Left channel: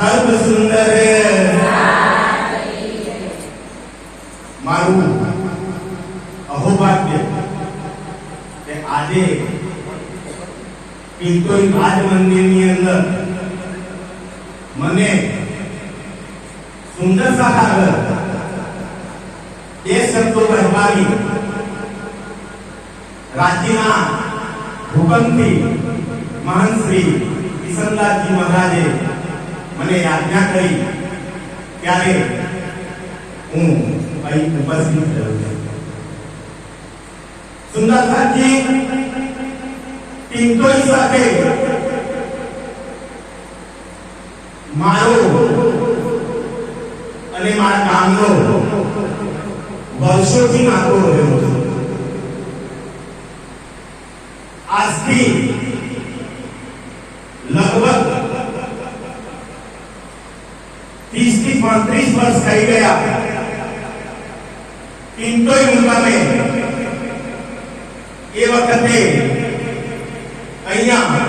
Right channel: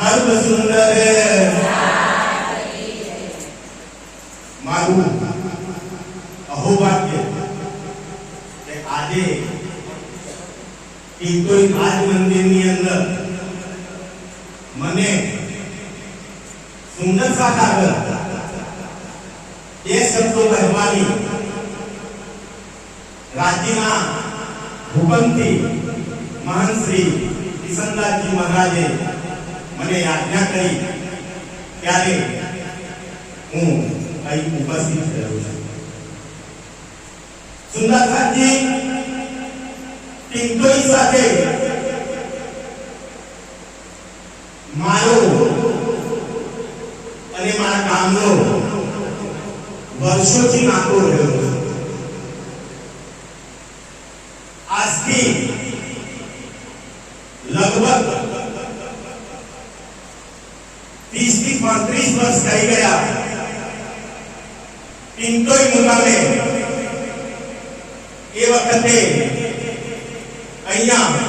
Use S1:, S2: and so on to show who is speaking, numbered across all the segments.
S1: સર્વ સુંદર મારું અહોભાગ્ય કે આજે પિંટોઈ રાજ મંદિરની અંદર મને સુંદર સાકાર બે શબ્દો કહેવાની રાજ્યના ભૂપનથી મહાન શ્રી કિશનદાસજી મહારાજે મને આજ્ઞા કરી ત્યારે હું અહીં ઉપસ્થિત થયો છું. સુંદરસાજી પિંટોઈ સાથે મારો અને મારા ગામનો વર્ષોથી નાતો રહ્યો છે આજથી લગભગ ત્રીસથી પાંત્રીસ વર્ષ થઈ ગયા પિંટોઈ મુકામે એ વખતે અહીંયા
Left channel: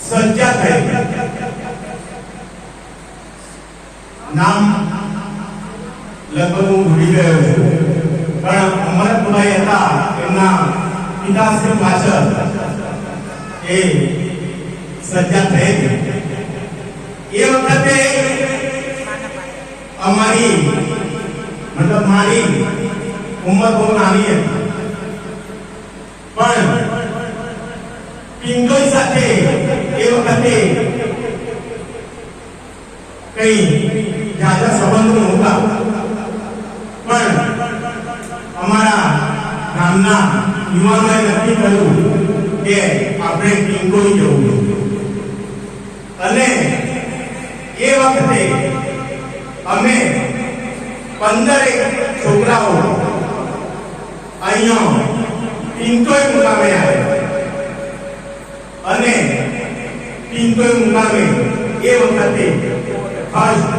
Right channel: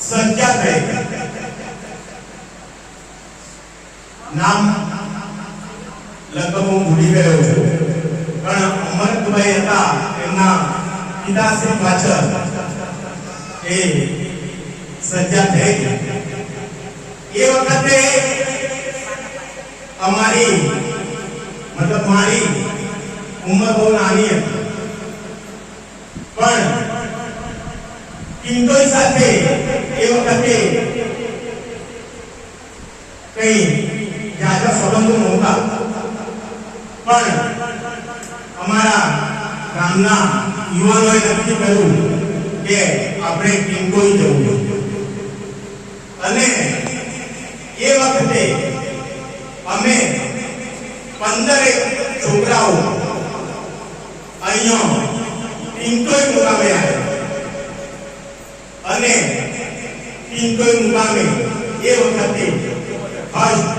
S1: સજ્જા થઈ નામ લગભગ હું ભૂલી ગયો છું પણ અમરતભાઈ હતા એમના પિતાશ્રી પાછળ એ સજ્જા થઈ એ વખતે અમારી, મતલબ મારી ઉંમર બહુ નાની હતી પણ પિંટોઈ સાથે એ વખતે કઈ જાજા સંબંધો નહોતા પણ અમારા ગામના યુવાનોએ નક્કી કર્યું કે આપણે પિંટોઈ જવું. અને એ વખતે અમે પંદરેક છોકરાઓ અહીંયા પિંટોઈ મુકામે આવ્યા અને પિંટોઈ મુકામે એ વખતે ફર્સ્ટ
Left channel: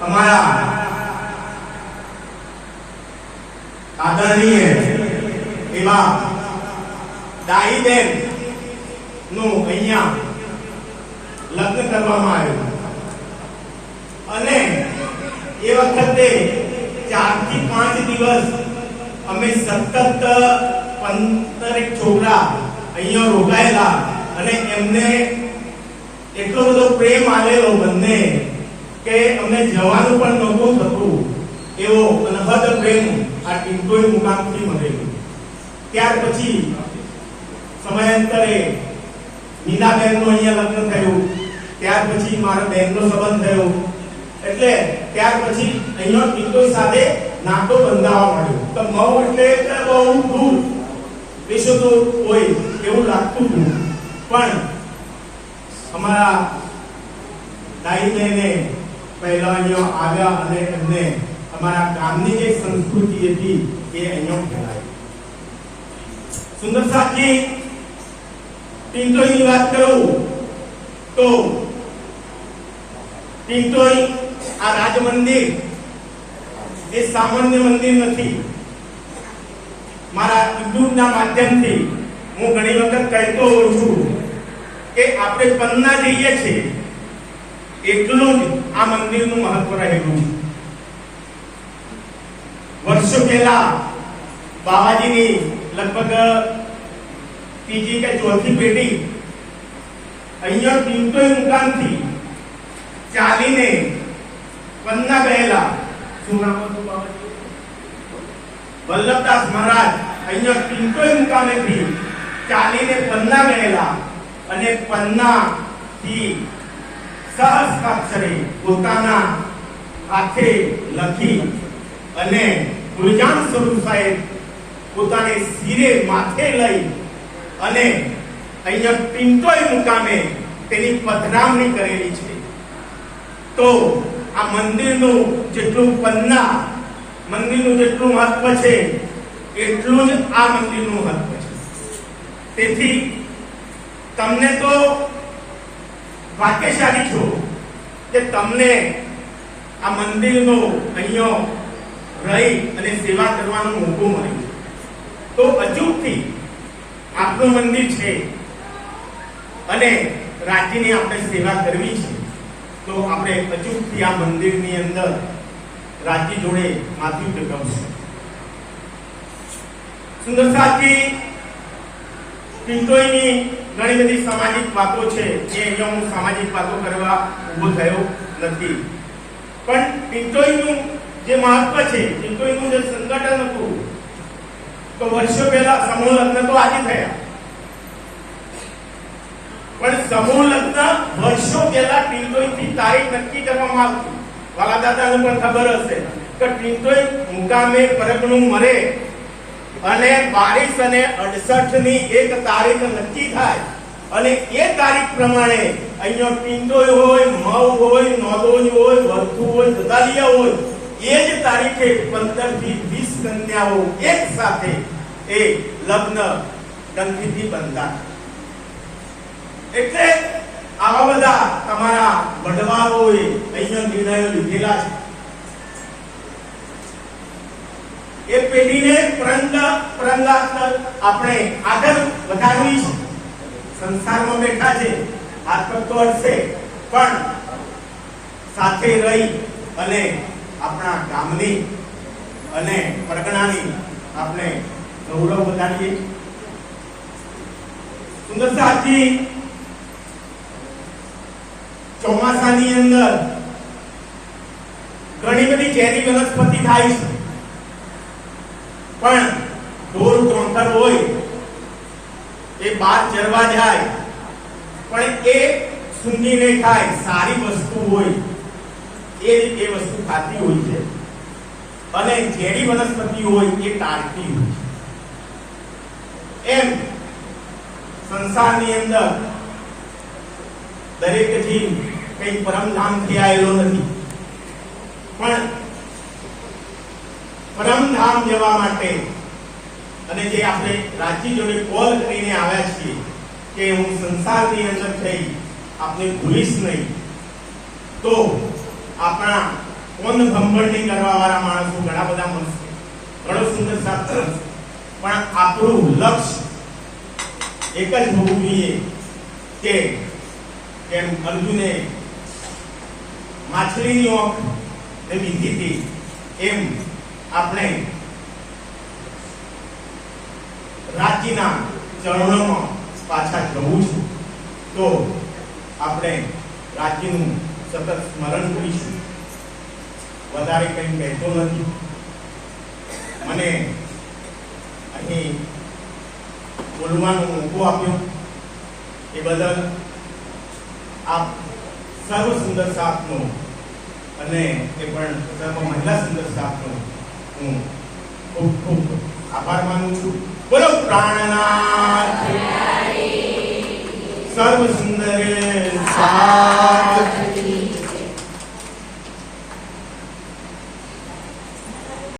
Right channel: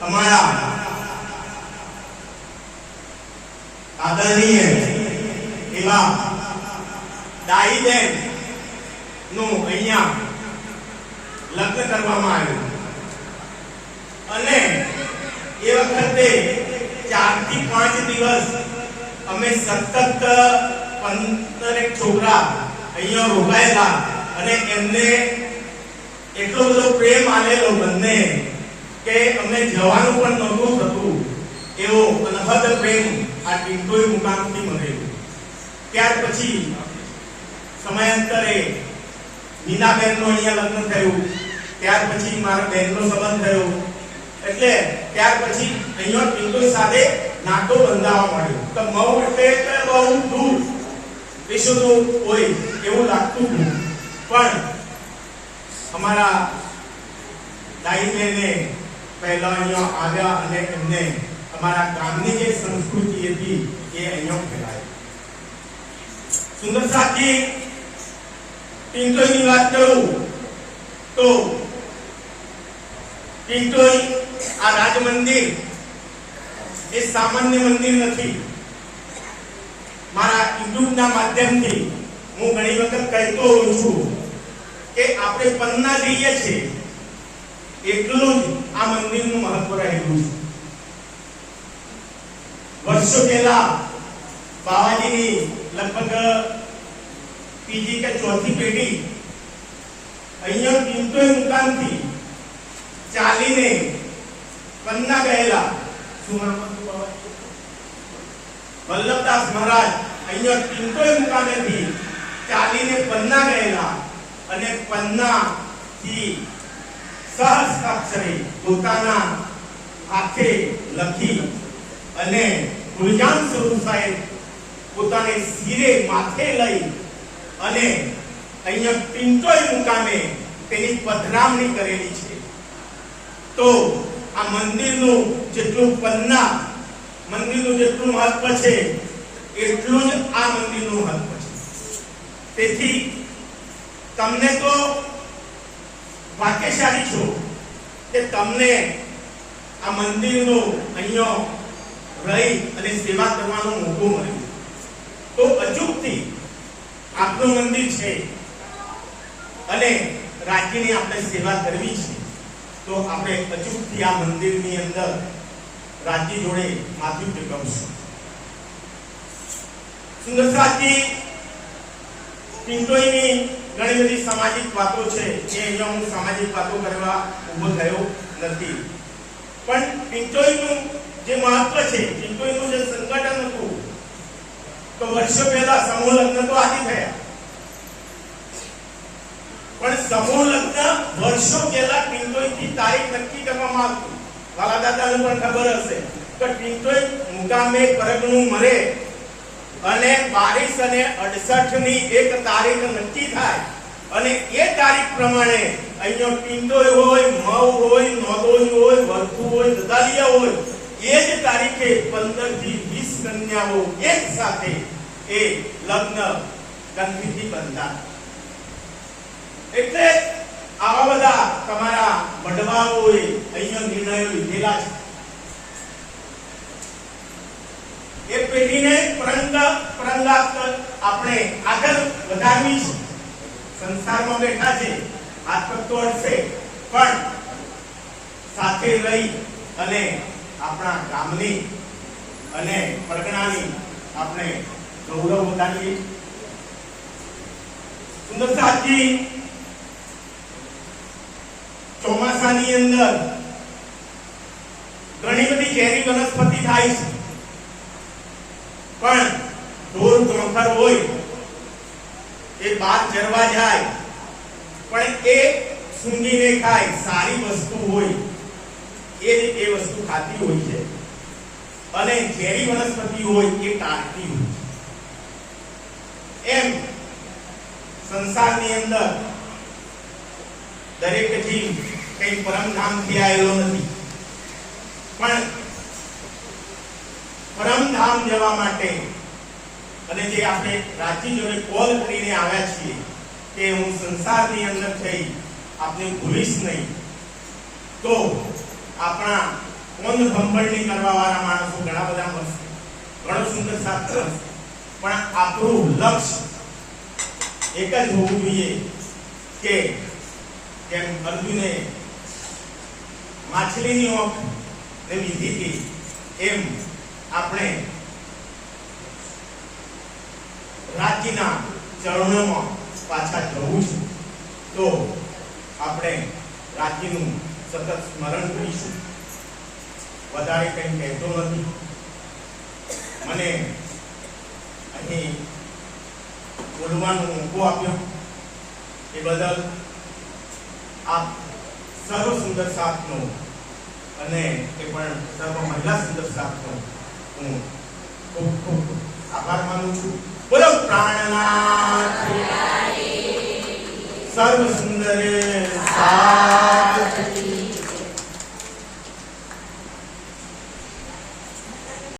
S1: અમારા આદરણીય એવા દાઈબેનનું અહીંયા લગ્ન કરવામાં આવ્યું. અને એ વખતે ચારથી પાંચ દિવસ અમે સતત પંદરેક છોકરા અહીંયા રોકાયેલા અને એમને એટલો બધો પ્રેમ આલેલો બંને કે અમને જવાનું પણ નહોતું થતું. એવો અનહદ પ્રેમ આ ટિંટોઈ મુકામથી મળેલો. ત્યાર પછી સમયાંતરે નીનાબેનનું અહીંયા લગ્ન થયું. ત્યાર પછી મારા બેનનો સંબંધ થયો. એટલે ત્યાર પછી અહીંયા પિંટોઈ સાથે નાટો બંધાવા મળ્યો તો મઉ એટલે બહુ દૂર. વિશ્વ તો હોય એવું લાગતું હતું. પણ અમારા દાઈ બહેને પહેલા અહીંયા આવ્યા અને એમને અમારા ગામની જે સંસ્કૃતિ હતી એ અહીંયા ફેલાવી સુંદર સાથી પિંટોઈની વાત કરું તો પિંટોઈ આ રાજ મંદિર એ સામાન્ય મંદિર નથી. મારા યુટ્યુબના માધ્યમથી હું ઘણી વખત કહેતો હોઉં છું કે આપણે પન્ના જઈએ છીએ એટલું જ આ મંદિરનું મહત્વ રહેલું વર્ષો પહેલા બાવાજીની લગભગ ત્રીજી કે ચોથી પેઢી અહીંયા પિંટોઈ મુકામથી ચાલીને પન્ના ગયેલા વલ્લભદાસ મહારાજ, અહીંયા પિંટોઈ મુકામેથી ચાલીને પન્ના ગયેલા. અને પન્ના થી સહસ્ત્રાક્ષરે પોતાના હાથે લખી અને ગુરજાન સ્વરૂપ સાહેબ પોતાને શિરે માથે લઈ અને અહીંયા પિંટોઈ મુકામે તેની પધરામણી કરેલી છે. તો આ મંદિરનું જેટલું પન્ના, મંદિરનું જેટલું મહત્વ છે, એટલું જ આ મંદિરનું મહત્વ છે. તેથી તમને તો ભાગ્યશાળી છો કે તમને આ મંદિરનો અહીંયા રહી અને સેવા કરવાનો મોકો મળ્યો. તો અચૂકથી આપનું મંદિર છે અને રાજ્યની આપણે સેવા કરવી છે. તો આપણે અચૂકથી આ મંદિરની અંદર રાજી જોડે માથું ટેકવશું સુંદરસાજી પિંટોઈની ઘણી બધી સામાજિક વાતો છે, જે અહીંયા હું સામાજિક વાતો કરવા ઊભો થયો નથી. પણ પિંટોઈનું જે મહત્વ છે પિંટોઈનું જે સંગઠન હતું, તો વર્ષો પહેલા સમૂહ લગ્ન તો આજે થયા. પણ સમૂહ લગ્ન વર્ષો પહેલા પિંટોઈથી તારીખ નક્કી કરવામાં આવતી. વાલા દાદાને પણ ખબર હશે કે પિંટોઈ મુકામે પરગણું મરે અને બાવીસ અને અડસઠની એક તારીખ નક્કી થાય. અને એ તારીખ પ્રમાણે અહીંયા પિંડોય હોય મવ હોય નોંધોઈ હોય વર્ધુ હોય, દદાલિયા હોય, એ જ તારીખે પંદરથી વીસ કન્યાઓ એક સાથે એ લગ્ન ગંધીથી બંધા એટલે આવા બધા તમારા વડવાઓએ અહીંયા નિર્ણયો લીધેલા છે. એ પેઢીને પરંગ પરંગાત આપણે આગળ વધારવી છે. સંસારમાં બેઠા છે, હાથ તો હશે પણ સાથે રહી અને આપણા ગામની અને પરગણાની આપણે ગૌરવ વધારીએ. સુંદર સાહેબજી ચોમાસાની અંદર ઘણી બધી ઝેરી વનસ્પતિ થાય છે. પણ ઢોર ચોંથર હોય, એ બાદ ચરવા જાય, પણ એ સૂંઘીને ખાય, સારી વસ્તુ હોય, એ એ વસ્તુ ખાતી હોય છે. અને ઝેરી વનસ્પતિ હોય, એ ટાળતી હોય એમ સંસારની અંદર દરેક જીવ કઈ પરમધામથી આવેલો નથી. પણ પરમધામ જવા માટે અને જે આપણે રાજી જોડે કોલ કરીને આવ્યા છીએ કે હું સંસારની અંદર થઈ, આપને ભૂલીશ નહીં, તો આપણા કોન ભંભળની કરવા વાળા માણસો ઘણા બધા મળશે. ઘણો સુંદર શાસ્ત્ર પણ આપણું લક્ષ્ય એક જ હોવું જોઈએ કે જેમ અર્જુને માછલીની ઓંખ લીધી હતી એમ આપણે રાજ્યના ચરણોમાં પાછા જવું છે. તો આપણે રાજ્યનું સતત સ્મરણ કરીશું. વધારે કંઈ કહેતો નથી. મને અહીં બોલવાનો મોકો આપ્યો. એ બદલ આપ સર્વ સુંદર સાપનું અને એ પણ સર્વ મહિલા સુંદર સાપનું હું ખૂબ ખૂબ આભાર માનું છું. બોલો, પ્રાણનાથ. સર્વ સુંદર સા